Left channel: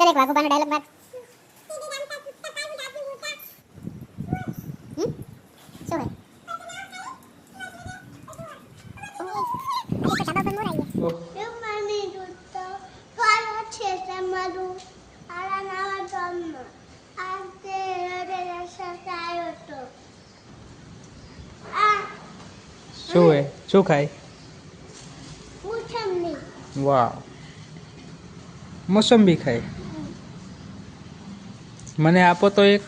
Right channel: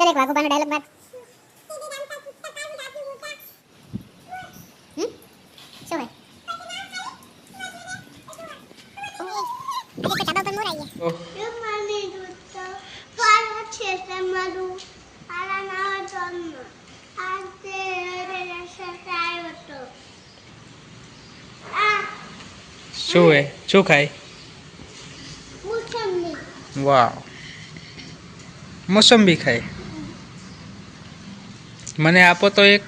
ચાલ એક વાઘુબાનો ડાયલોગ માર હમ? શું હોય? ઓહ, આજે તો ધાબા પર મોર આઈ ગયા. ઓહ મને દૂધો પાલો છે તમારું આલા નાવા જન્મ આજે રે સસાયો તો આ શું હે શું ખાય મુસમ્મી વાવ મોસંબી ખાય મને આપો તો એક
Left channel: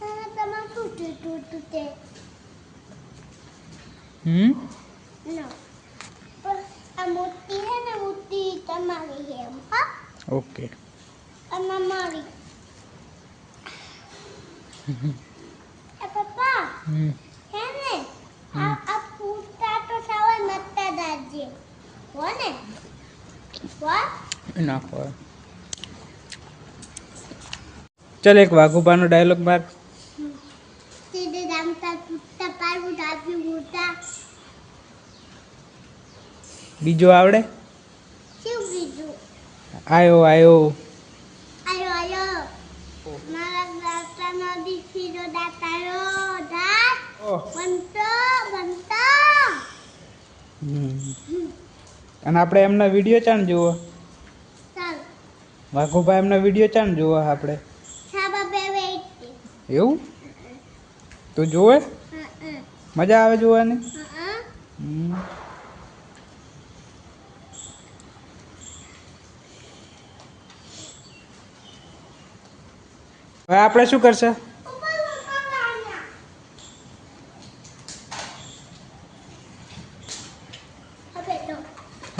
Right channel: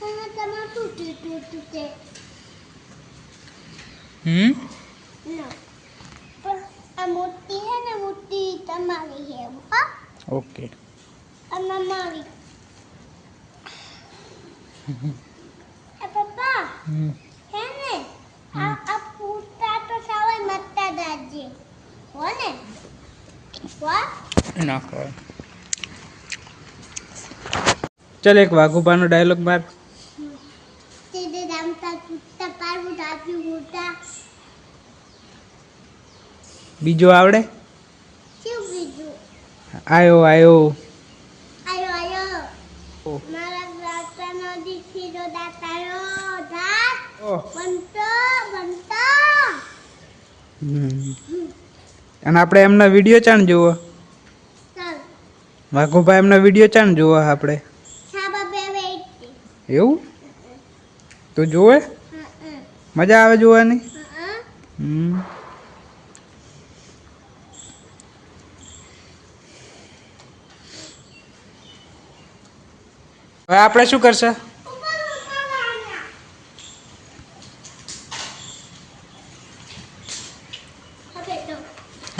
તમે તમાર તૂટી તૂટી તે હમ ના પણ આ મોટી છે ને મોટી તમારી છે હા ઓકે અને મારી એ પપ્પા હમ હે ને What? હો ના ચાલ એક વાઘુબાનો ડાયલોગ માર. તેને રામતા પૂતા પારવું આપ્યું મોટા. બીજો આવડે? શું બીજું? આયો આયો. આયો આયો. મારા મારા દાતાનો દીકરીનો દાતારો દાત બનતો બનતો. હમ. અને આપણે એમના વીડિયો ચાણ ચાલ. વાઘુભાઈ એમના વીડિયો ચાણ જુઓ આપણે. એવું? તું જોવે મજા આવે જોવાની? હમ. હવે આપણે શું કરશે ઉપર ઉપર વાળા હવે તો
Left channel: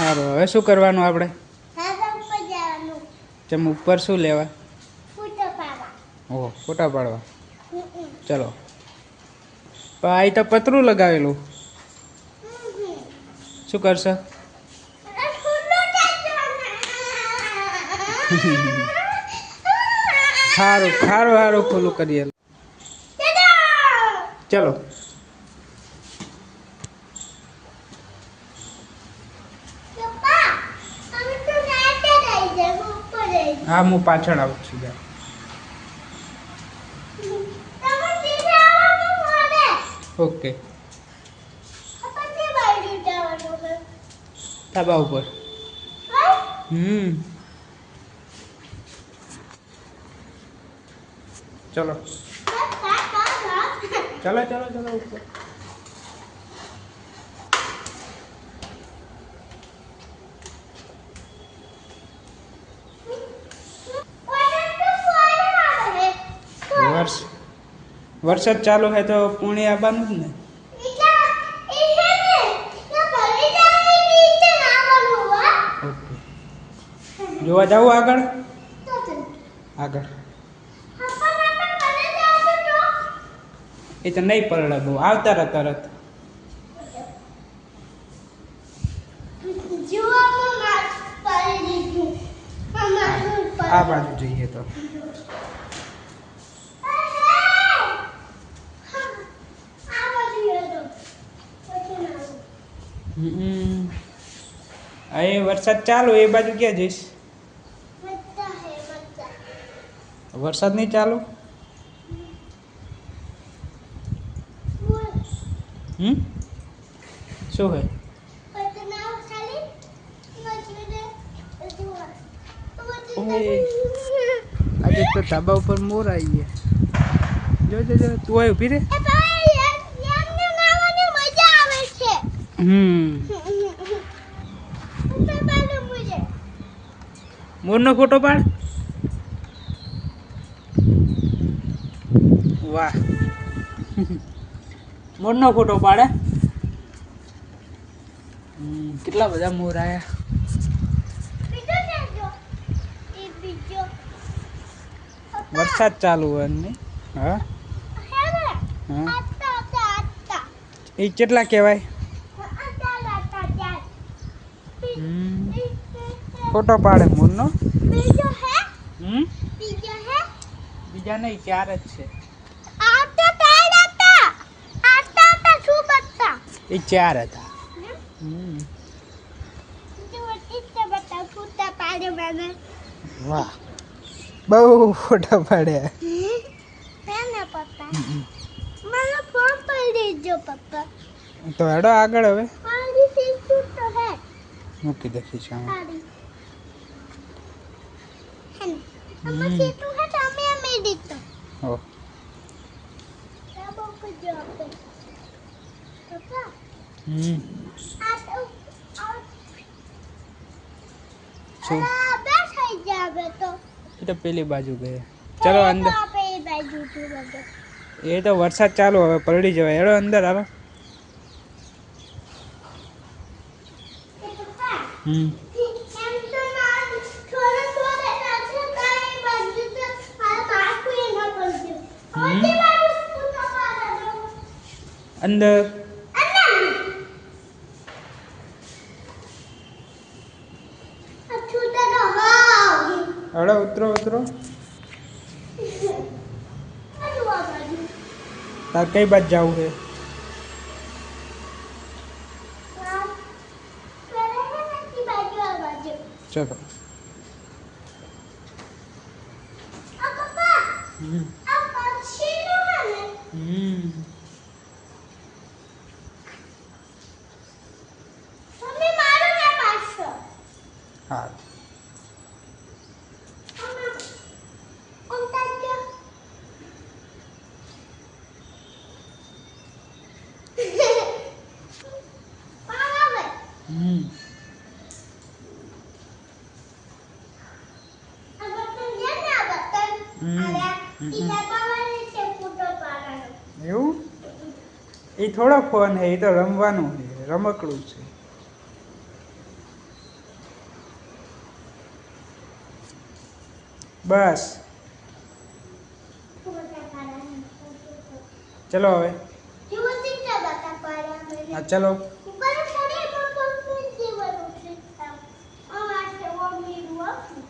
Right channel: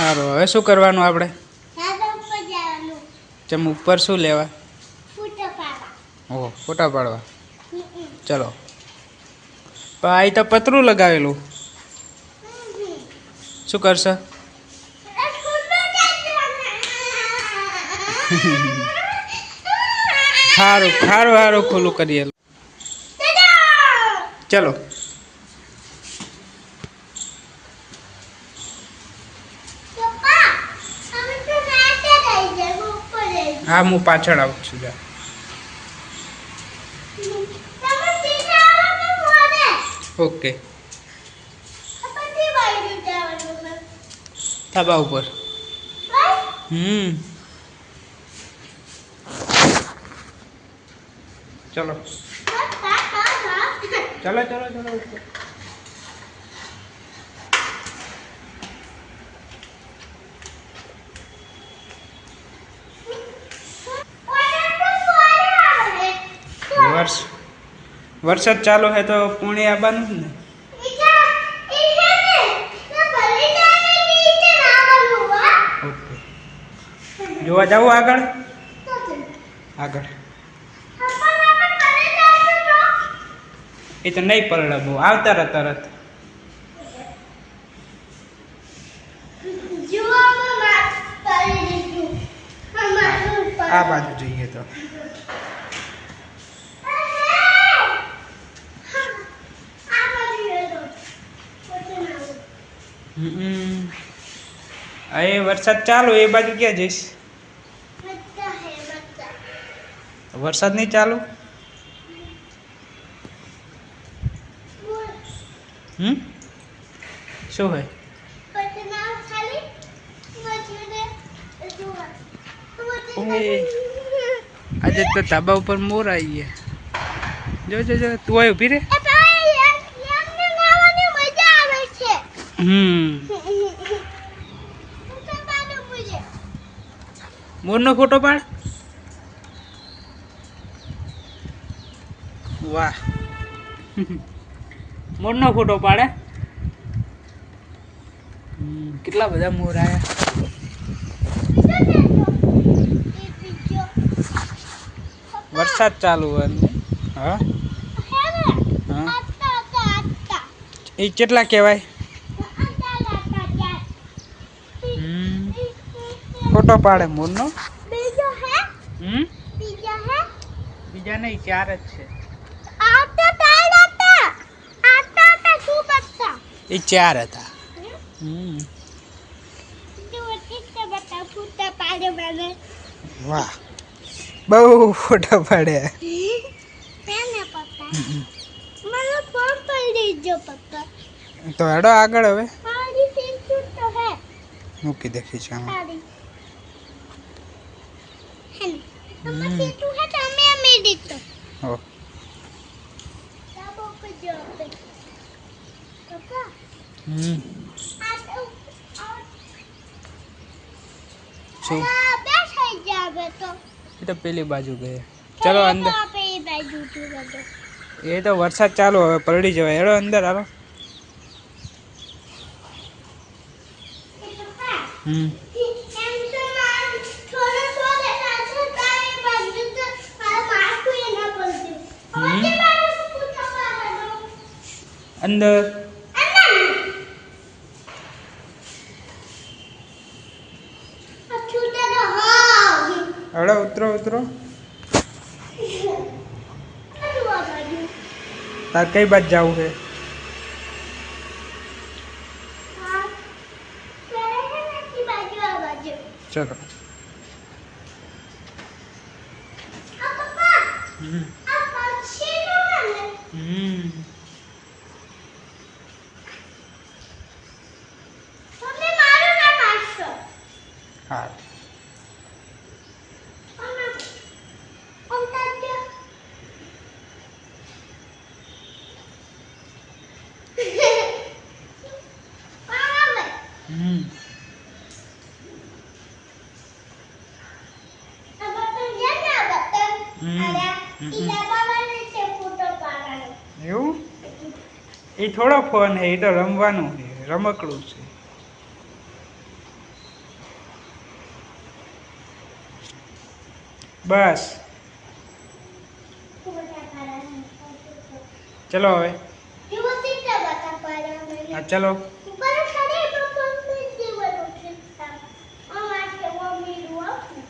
સારું. હવે શું કરવાનું આપણે? ચમ ઉપર શું લેવા? ઓહો ફોટા પાડવા. ચલો. આ તો પતરું લગાવેલું. શું કરશે? સારું સારું સારું ખોલું કરીએ ચલો પપ્પા તમે તો નાચે રહી જાય હું ઉપર રહી હા હું પાછળ આવું છું, જા. ઓકે. ધાબા ઉપર. હમ. ચલો. ચલો ચલો ચલો, ઉપર. વરસાદ ચાલુ હે તો પુણે આવવાનું જ ને. જોવા જવું આગળ? આગળ. એ તો નહીં પરડે બહુ. આવતા રહે તરત. આ બાજુ જઈએ તો. એ વરસાદ ચાલુ એ બાજુ ક્યાં જઈશ? વરસાદ નહીં ચાલુ? હમ? શું હોય. આજે તો ધાબા ઉપર મોર આવી ગયા. જો જો જો તું આવી ઊભી રે. મોરનો ફોટો પાડ. વાહ. મોરનો ફોટો પાડે. કેટલા બધા મોર આયા. વરસાદ ચાલુ હોય હા? હા એ કેટલા કહેવાય હમ ફોટો પાડે મોરનો બીજો હે? હમ? બીજો હે? બીજા નહીં ચાર જ છે. આટા ટાઈડ આટા આટા આટા શું બત્તા એ ચાર હતા. હમ? બતા વાહ. બહુ ફોટા પાડ્યા તો હેડો આગળ હવે. મૂકી દેખીશ આમાં સારી હે આ બેસાઈ જાવે તો. એ તો પેલી બાજુ ગયા. ચલો અંદર. એ બાજુ એ તો વરસાદ ચાલુ હવે પલડી જવાય. હેડો અંદર હાલો. હમ એમ તો મારે થોડો થોડો નાચે તારી બાજુ તો મારા માથું એ ના પડતું હવે હમ. તે બાજુ ફૂટા પાડવાનો અંદર. આ છૂટા તો હા હેડો ઉતરો ઉતરો. તાર કઈ બાજ જવું છે? ચલો. હમ આ પક્ષીનું હે ને હમ તમે મારું ના પાડશો હા આમાં ઉલટા જો પાવે હમ આ બટન છે ને આ બટન હમ. આયા હમ. ઈ દબાવવાનું છે ફૂટો પાડવાનો એવું એ થોડો ફોન છે એ તો રમવાનું છે રમકડું છે. બસ. ચલો હવે. ચલો ઉપર ચડે તો કોઈ જીવન ઉઠતા અમાર કે મમ્મી નું આપું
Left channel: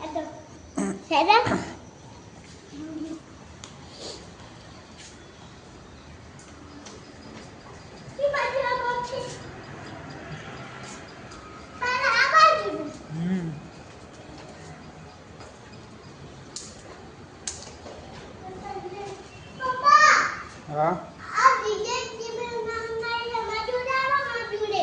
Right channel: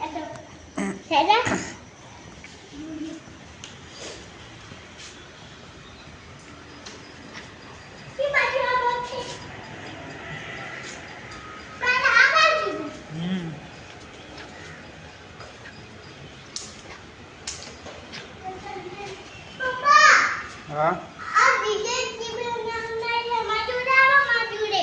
એતો સેડા ઈ બાજુ આ બાજુ મારા આ બાજુ હમ પપ્પા હા આ વિજય જીવન નામ ના માજુડે આવો માજુડે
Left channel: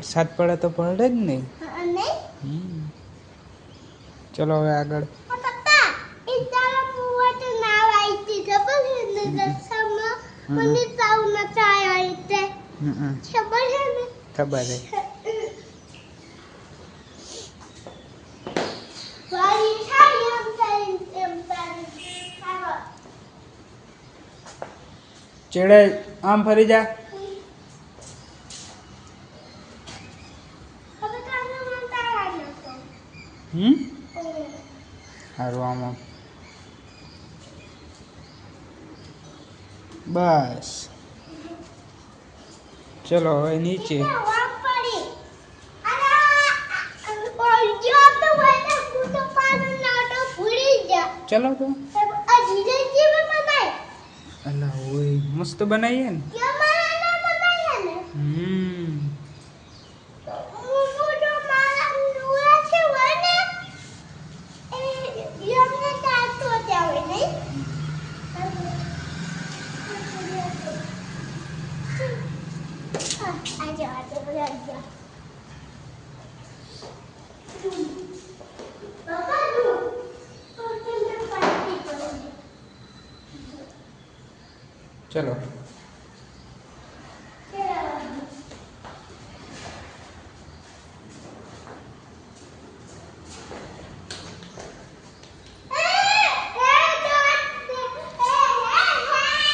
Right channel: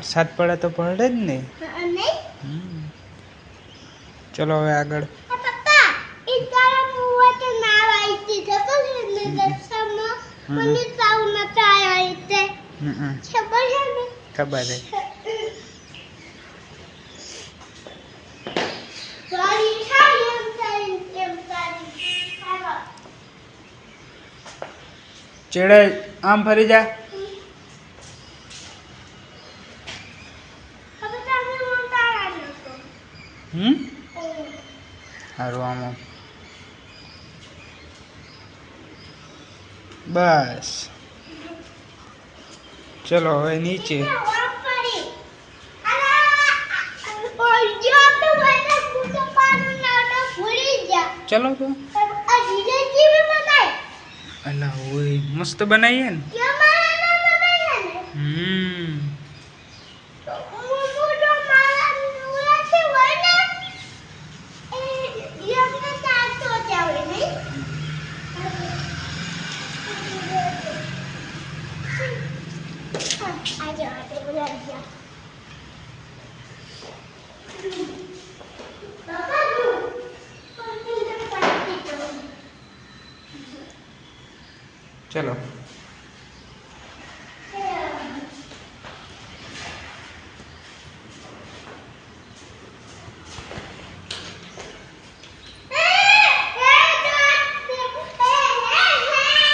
ખબર તો વારી જ એમ ચલો હવે આગળ. ખબર ચેડે આમ ફરી જા હવે તમે મને તારા નતો હમ સારું આમ આમ. બસ. ચલો હવે નીચે. ચલો તો. અલા ઓય મસ્ત બનાવીએ ને? હમ હું તો મારા નુરા છે હોય ને એ યમને તાતો ત્યાં હોય નહીં હા આજે આજે બોલા ગયા બાબા નું પણ પાણી પીતો ચલો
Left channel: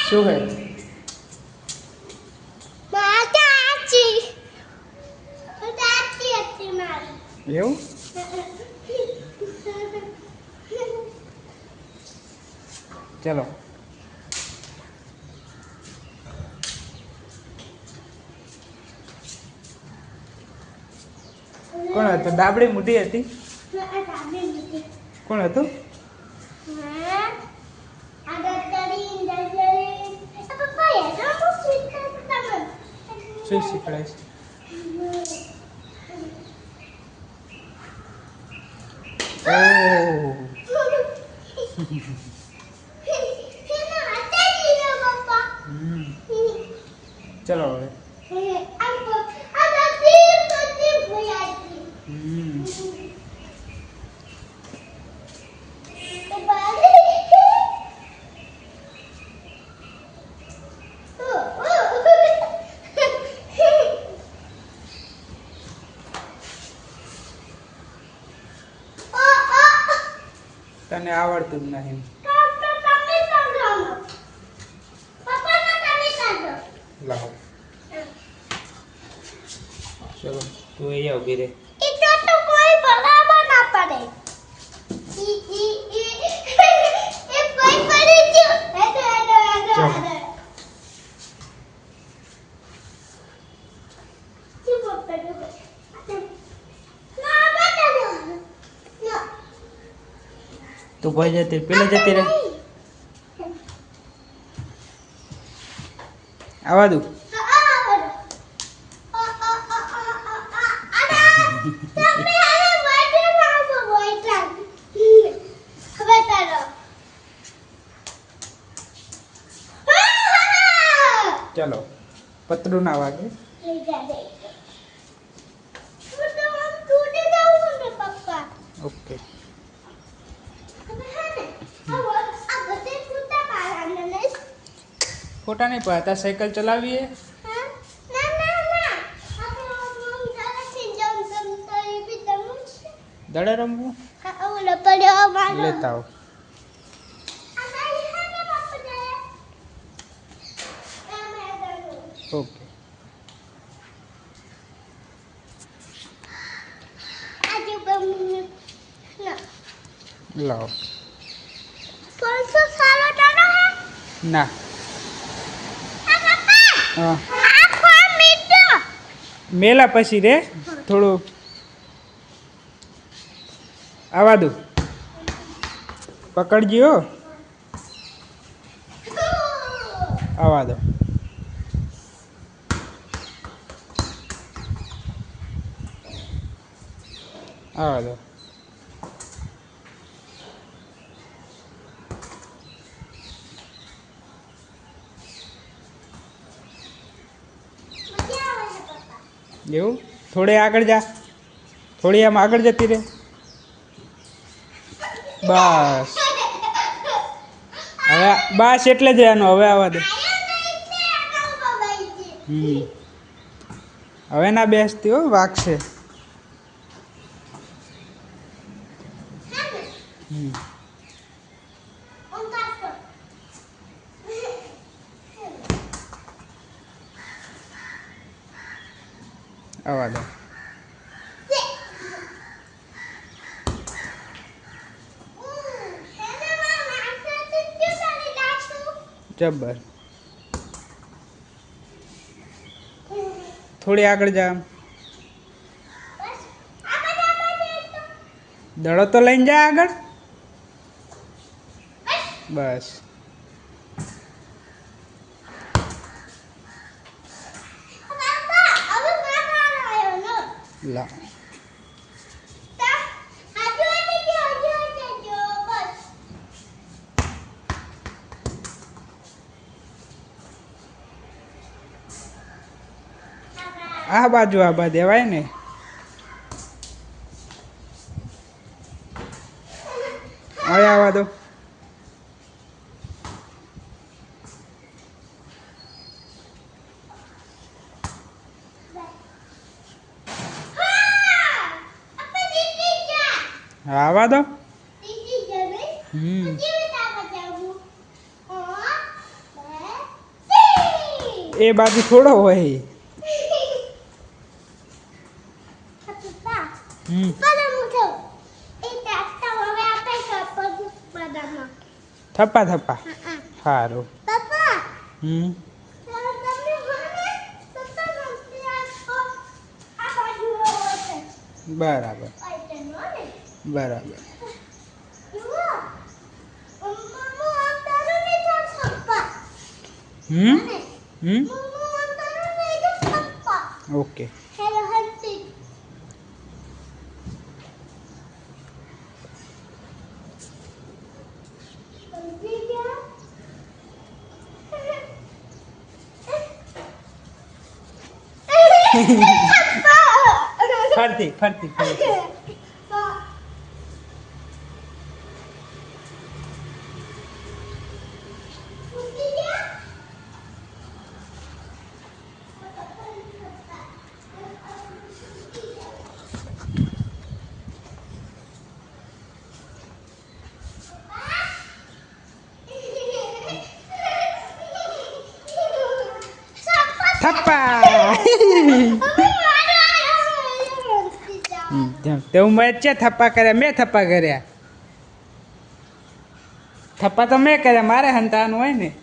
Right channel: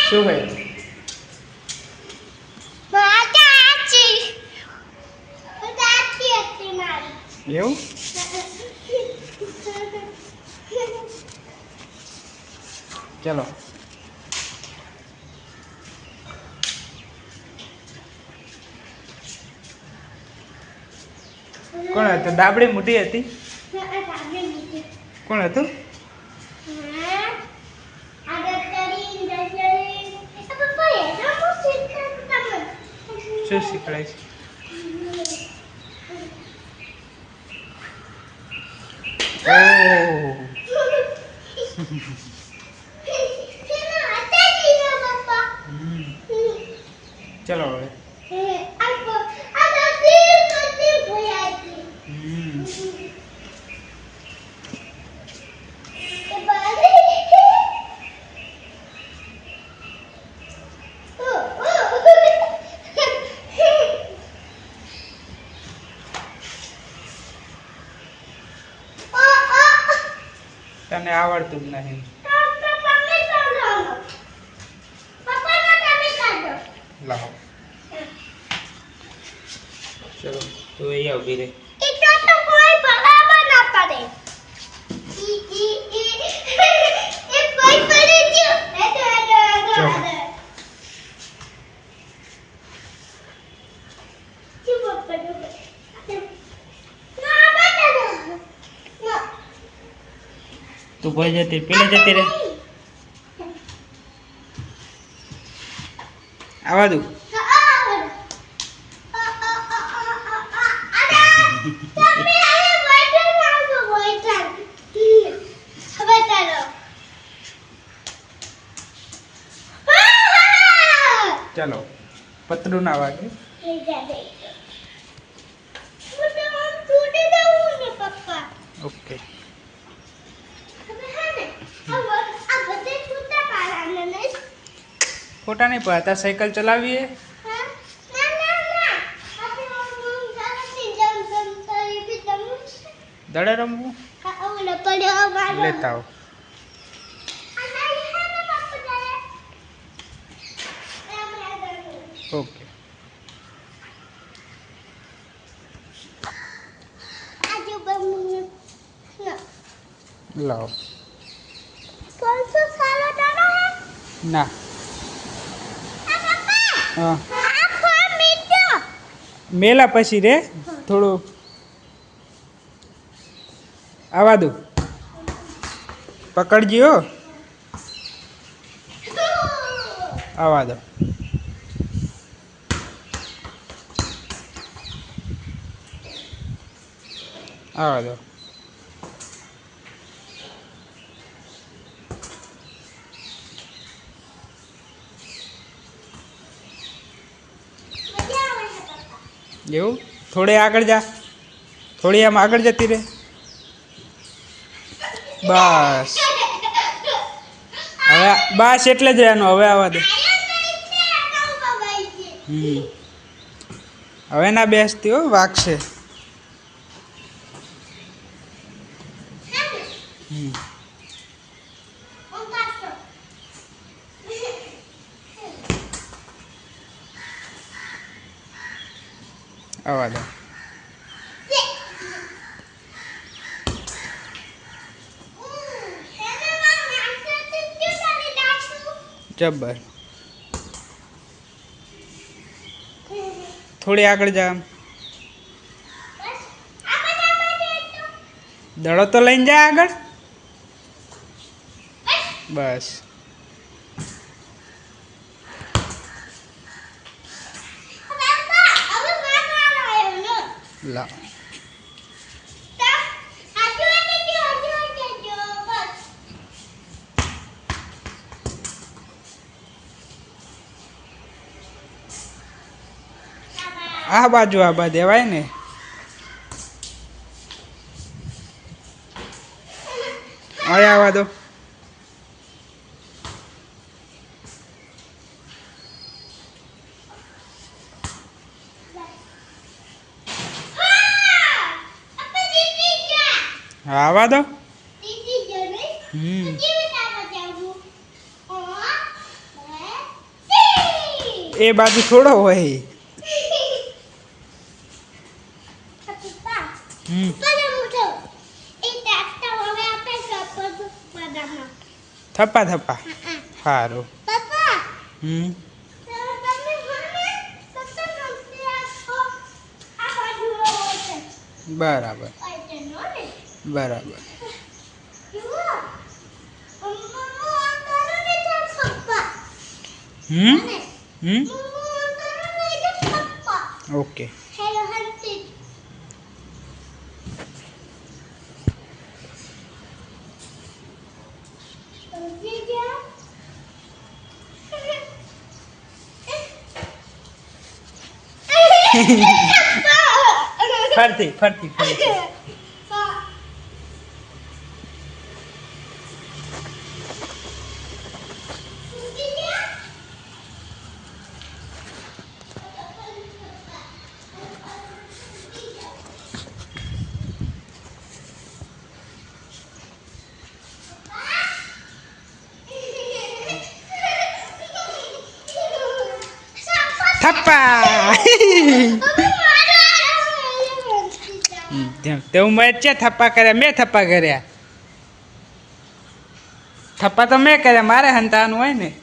શું હે માતા આચી આચી હતી મારી એવું ચલો કોણ હતું દાબડી મોટી હતી કોણ હતું શું શીખડાય છે. ચલો હવે. આવડતું જ નહીં. લાવો. ચલો તું અહીંયા ઊભી રહે એટલો તો કોઈ બરાબર ના પડે ઈ ઈ ઈ એ કોઈ પડે છે હેડો હેડો હેડો ચાલો. હેડો જી પપ્પા જો ના બેટા ના તું ભાઈ જતી પેલા જતી રહે. આવા દઉં. ચાલો પતરું ના વાગે. ઓકે ફોટા નહીં પડતા સાયકલ ચલાવીએ દડે રમવું લેતા આવો ઓકે લાવો ના હા મેલા પછી રે? થોડું આવા દઉં પકડજો આવા દો. આવા દો. એવું? થોડે આગળ જા. થોડી આમ આગળ જતી રહે. બસ. હવે બસ એટલે જ એનું હવે આવવા દે. હવે ના બેસતી હો વાગશે. આવા દો જબ્બર. થોડી આગળ જા દડો તો લઈને જા આગળ. બસ. લા. આ બાજુ આ બા દેવાય ને. અહીંયા આવવા દો. હા આવવા દો હમ. એ બાજુ થોડો હોય. થપ્પા થપ્પા. સારું હમ. બરાબર. બરાબર. હમ? હમ? ઓકે. ફરતી ફરતી ફરતી થપ્પા હમ, તેમ તે હું મેં થપ્પા કર્યા? મેં થપ્પા કર્યા. થપ્પા તો મેં કર્યા, મારે હંતાનું હોય ને.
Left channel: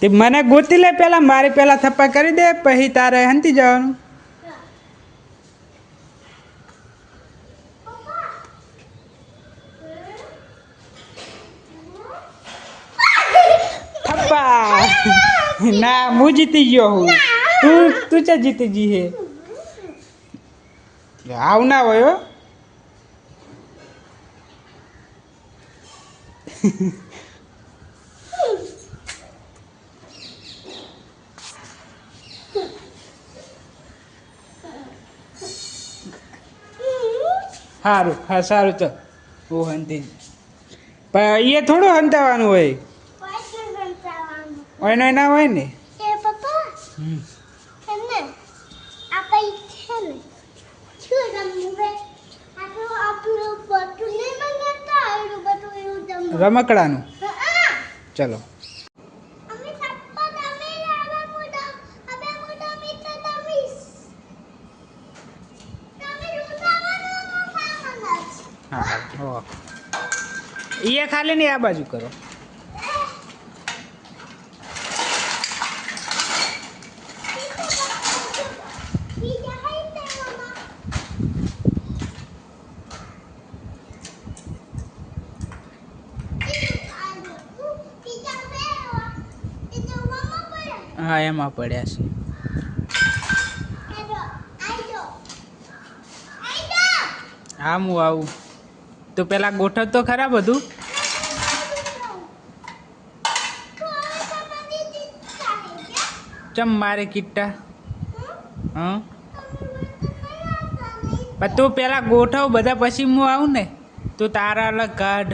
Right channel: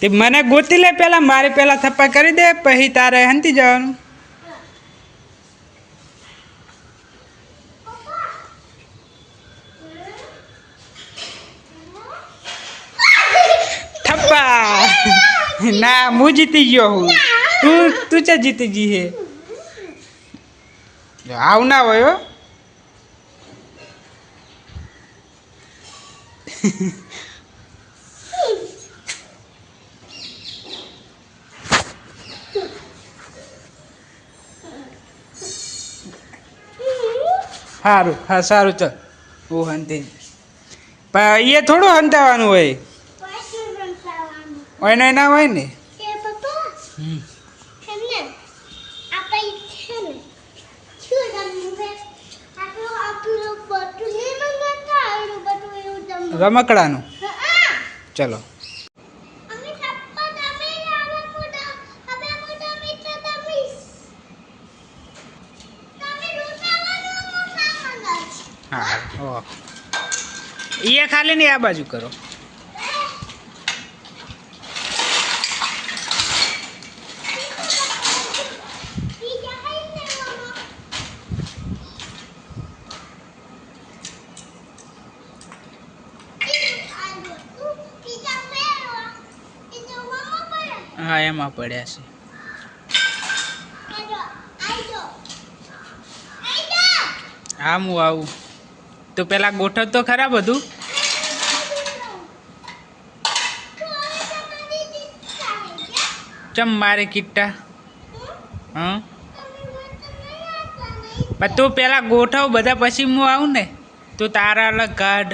તે મને ગોતી લે પહેલા મારે પેલા થપ્પા કરી દે, પછી તારે હંતી જવાનું. થપ્પા. ના, હું જીતી ગયો હું. તું તું ચા જીતી ગઈ હે. આવ ના હોય હો. સારું હા સારું ચાલ. હું હંતી. પણ એ થોડું હંતાવાનું હોય. એને ના હોય ને? હમ. મોટા ચલો. હા એ ખાલી ને આ બાજુ કરો બીજા કઈ લેવામાં બીજા લેવા એ જોવામાં પડે હા, એમાં પડ્યા છે. હા, હું આવું. તો પેલા ગોઠવ તો ખરા બધું? ચમ મારે કિટ્ટા હા? પણ તું પેલા ગોઠવ, બધા પછી હું આવું ને? તું તારા અલગ કાઢ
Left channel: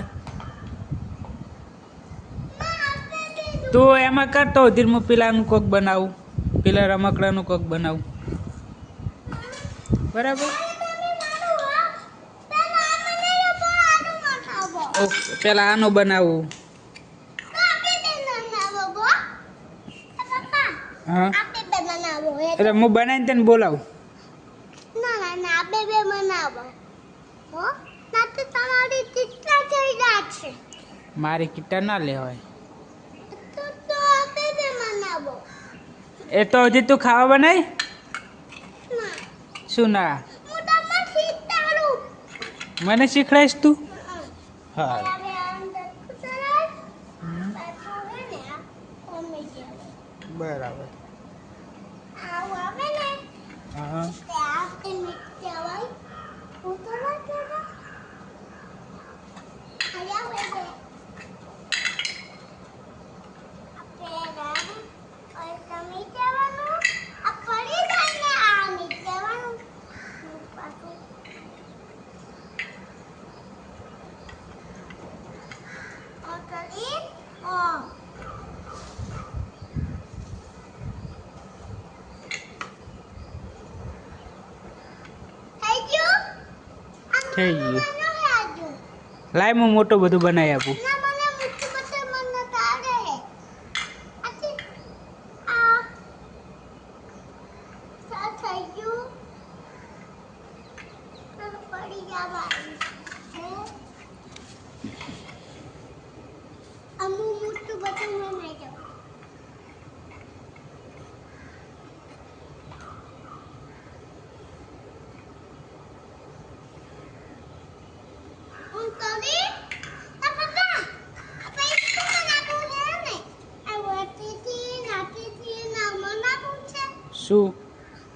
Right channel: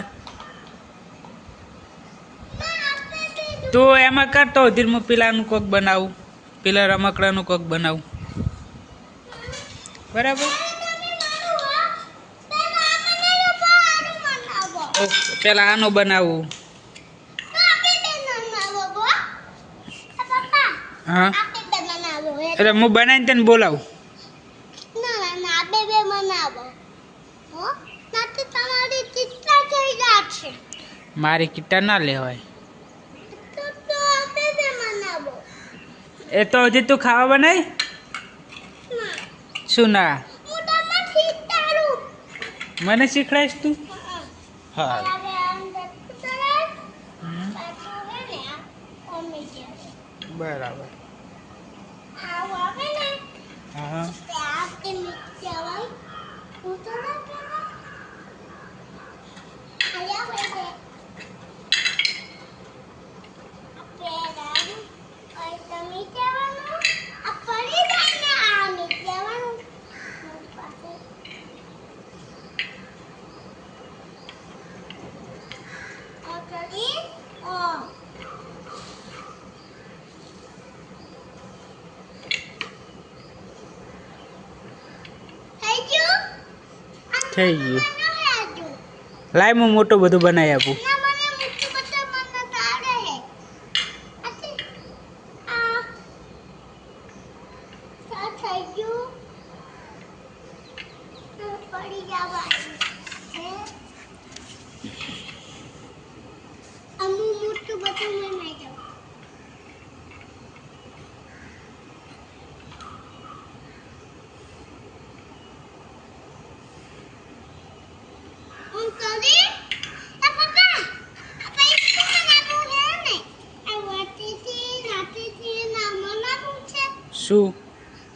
તું એમાં કરતો ધીર હું પેલાનું કોક બનાવું, પેલા રમકડાનું કોક બનાવું. બરાબર? પેલા આનું બનાવું. હા? એટલે હું બનાવીને તને બોલાવું. મારી કિટ્ટા ના લેવાય. એ તો હજી તું ખાવા બનાવી શું ના? મને શીખડાઈશ તું? હા. બરાબર. થઈ ગયું. લાય હું મોટું બધું બનાવી આપું ના મને મુઠ્ઠી બટર મને તારે કરી આ પપ્પા આ પૈસા નાખું છે ને આ વાટીથી નાટીથી નામાં નાખું છે શું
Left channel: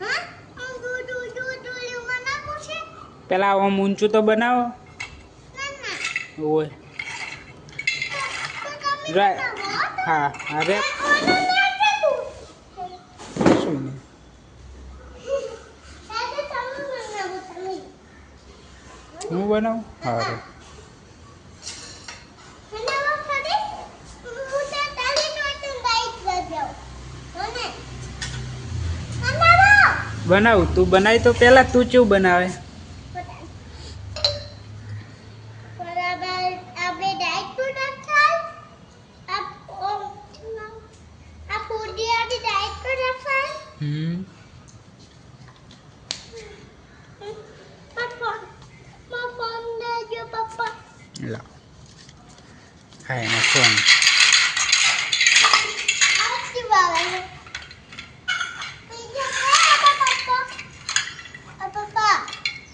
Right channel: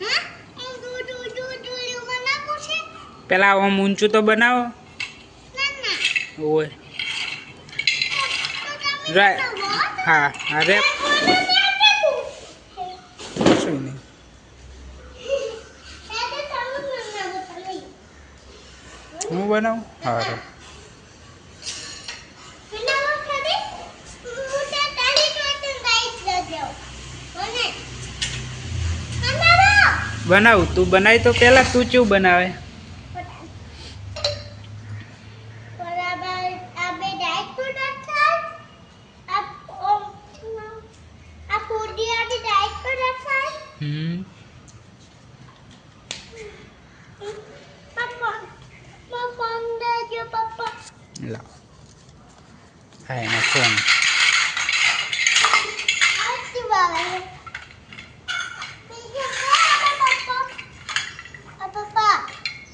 હા આ દૂધ દૂધ દૂધ દૂધમાં નાખું છે પેલા આમ ઊંચું તો બનાવો. ઓય. રાય. હા હા, રેપ. શું નહીં? હું બનાવું? સારું બનાવો? તો બનાવો તું પેલા તું ચેવું બનાવે બરાબર આપણે ડાયટ પ્રોડક્ટ થાય આપ ઓમ આ ફૂડી આડી ડાયટ પ્રોડક્ટ થાય હમ પપ્પા મા ફોન દેજો પપ્પા લાવ હા એનો ફોન આથી વાવે બીજો હે આબા પપ્પા આ પપ્પા હમ બીજો હે આબા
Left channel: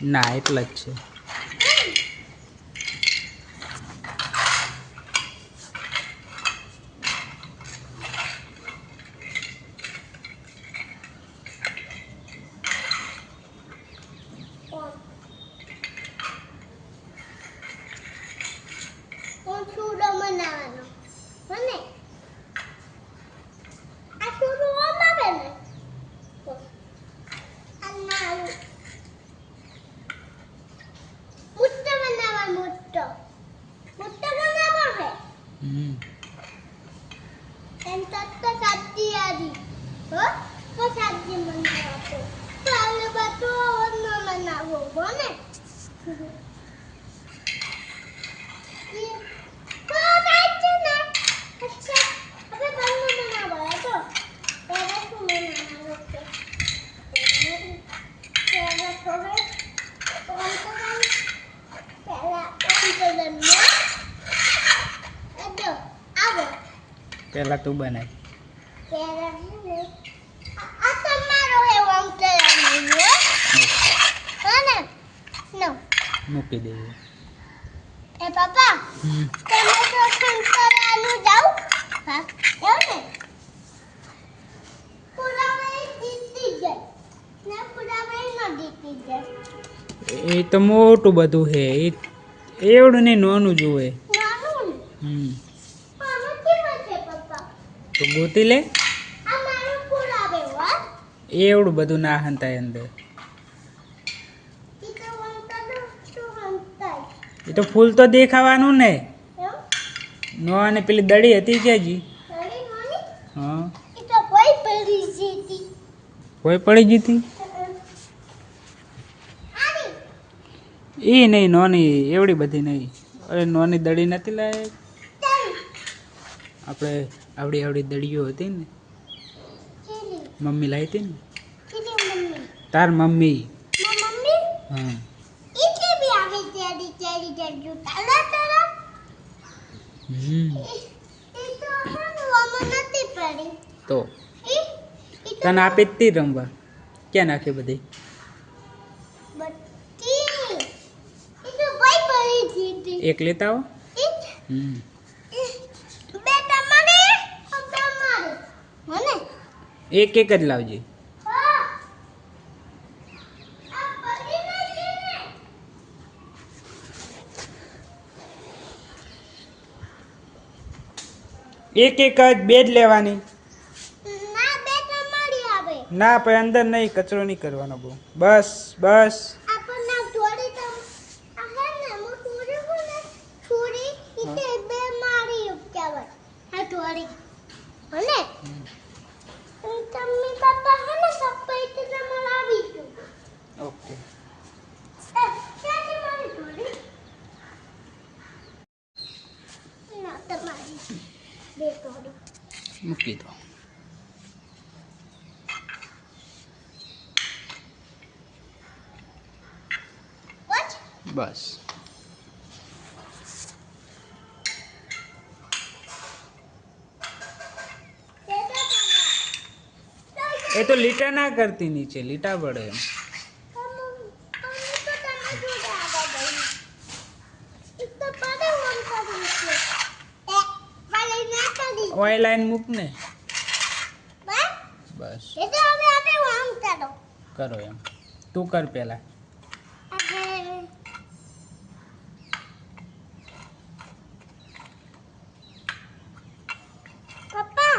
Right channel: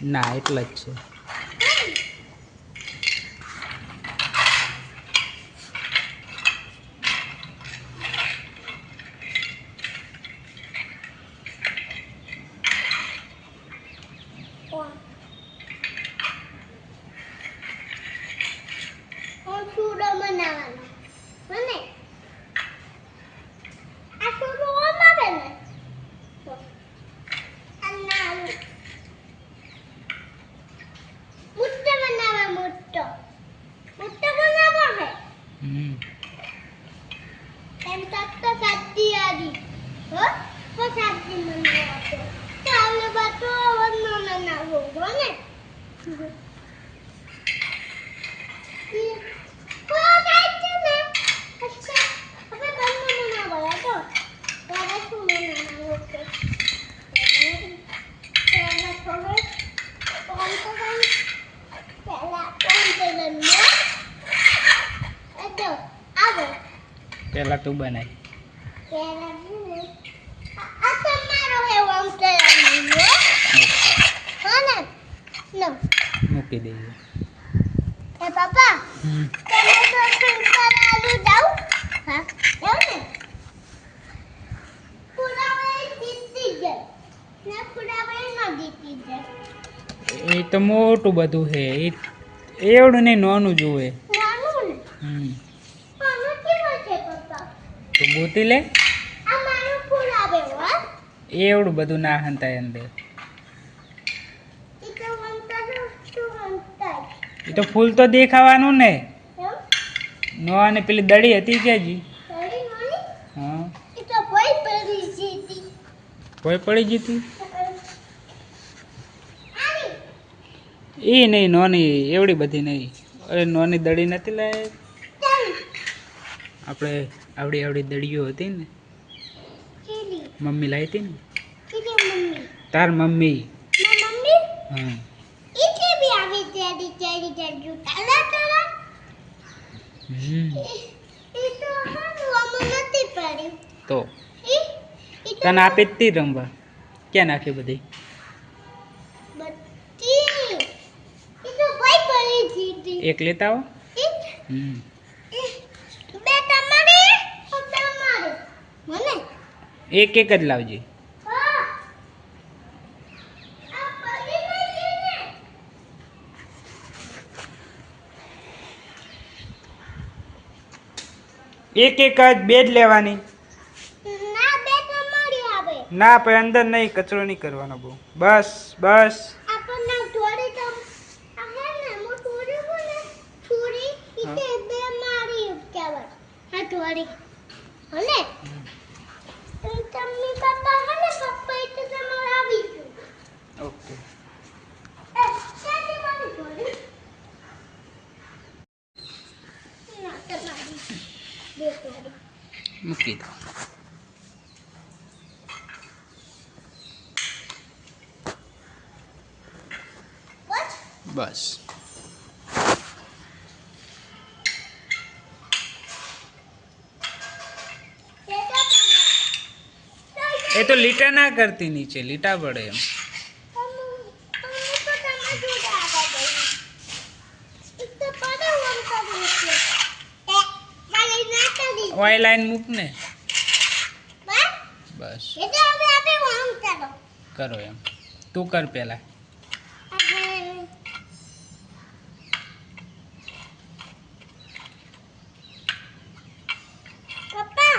ના એટલે જ છે. પેલા તું બનાવી મૂકી દઈએ. પાપા હમ. તમે તો સંસ્કારાનું જાવ હા જાવ ને. પુરાવે જીતી જાય. ને પુરાવે ન જીતી જાય. એ તો મોટું બધું છે. એ એવડું નહીં નાનું જોવે નાનું હમ. આનું કેવું છે પપ્પા? તો ગોતી લે. આ મારું પુરાવે હો. એવડું બધું ના હંતાય અંદર ઈ તો વંતા તો તું વંતા એ તો ફૂલ તો દેખાવાનું ને. નો અને પેલી દડી હતી કે જી હા. કોઈ પડી જીતી એ નહીં નોની એવડી બધી નહીં અરે નોની દડી નથી લાય આપણે આવડી આવડી દડીઓ હતી ને. મમ્મી લાવી હતી ને તાર મમ્મી? હા એટલે બી આવી ચેડી ચેડી ચેડી તાલા તાલા હમ એ તો તને આપી જ તી રમવા? ક્યાં નાખી બધી? એક લેતા આવો. હમ. એક એક જ લાવજે હા આ પડી નથી ને એક એક જ બે જ લેવાની ના પણ અંદર નહીં કચરો નહીં કરવાનો બહુ. બસ બસ આપણને થોડી તમ આ હે ને હું થોડી હું ને થોડી ઈતે બે મારી કહેવાય હા થોડી હને તમે પપ્પા હે ને પપ્પા ઈતે તમારે આવી ગયું ઓકે એ ચાલી મારી થોડી ના તમારી બે થોડી મૂકી દો. બસ. એ તો લીટા ના કરતી નીચે લીટા પડે એમ તો તમે તો તમે જોડા ઓય લાઈન મૂક ને? બસ. બસ. એટલે હવે આપણે આમ ચાલો કરો એમ. તું કર પેલા આપણે પપ્પા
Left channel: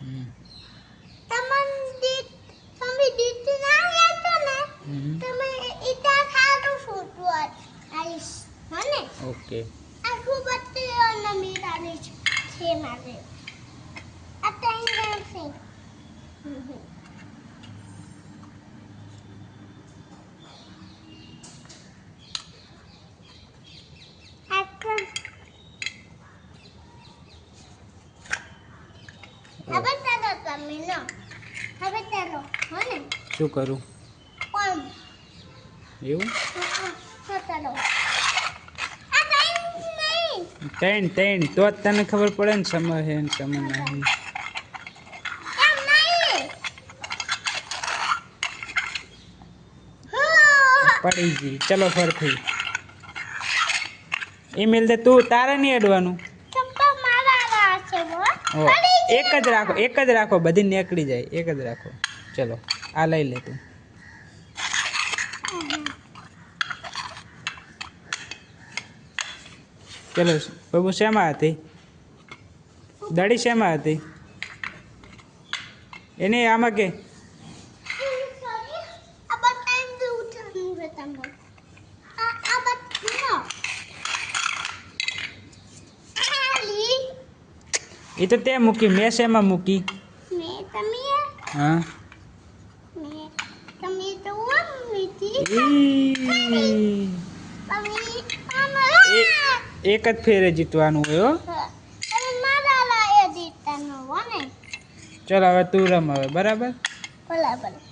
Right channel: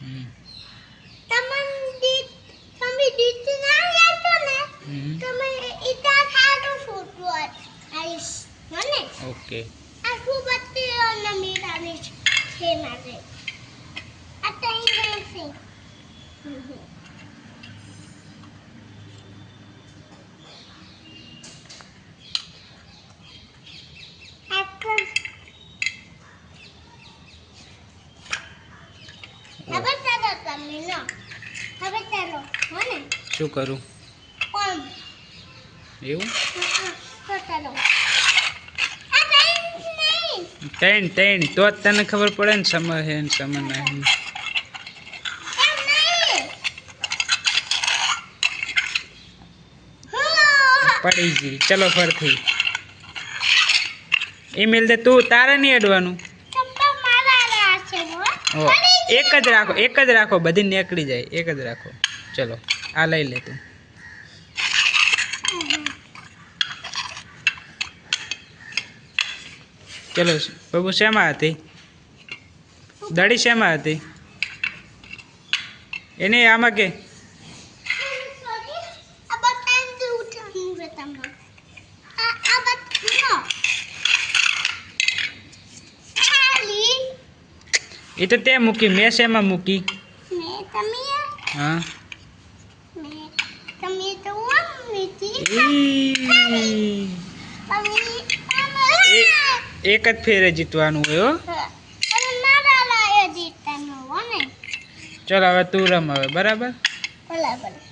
હમ. તમને દીત તમે દીત ના લેતો ને હમ. તમે ઇતા ખાતું ફૂટવું આવીશ મને ઓકે. આ શું બત્તી અને મીરાની છે? મારે. આ ને શું કરું? એવું? ત્રણ ત્રણ તો જ તને ખબર પડે ને સમર હે ને સમય નહીં હા પડી ગઈ ચલો ફરથી. ઈમેલ દે તું તારે નહીં અડવાનું? એક જ રાખો એક જ રાખો બધી નીકળી જાય. એક જ રાખો. ચલો આ લઈ લે તું. ચલો બાબુ શેમાં હતી? દડી શેમાં હતી? એને આમાં કે આ બતાવી દઉં તમને તમને આ આ બતાવો ખાલી એ તો તે મૂકી મેં શેમાં મૂકી? હા. એ- એક જ ફેરે જીતવાનું હોય ચલ હવે તું રમ હવે બરાબર? ભલે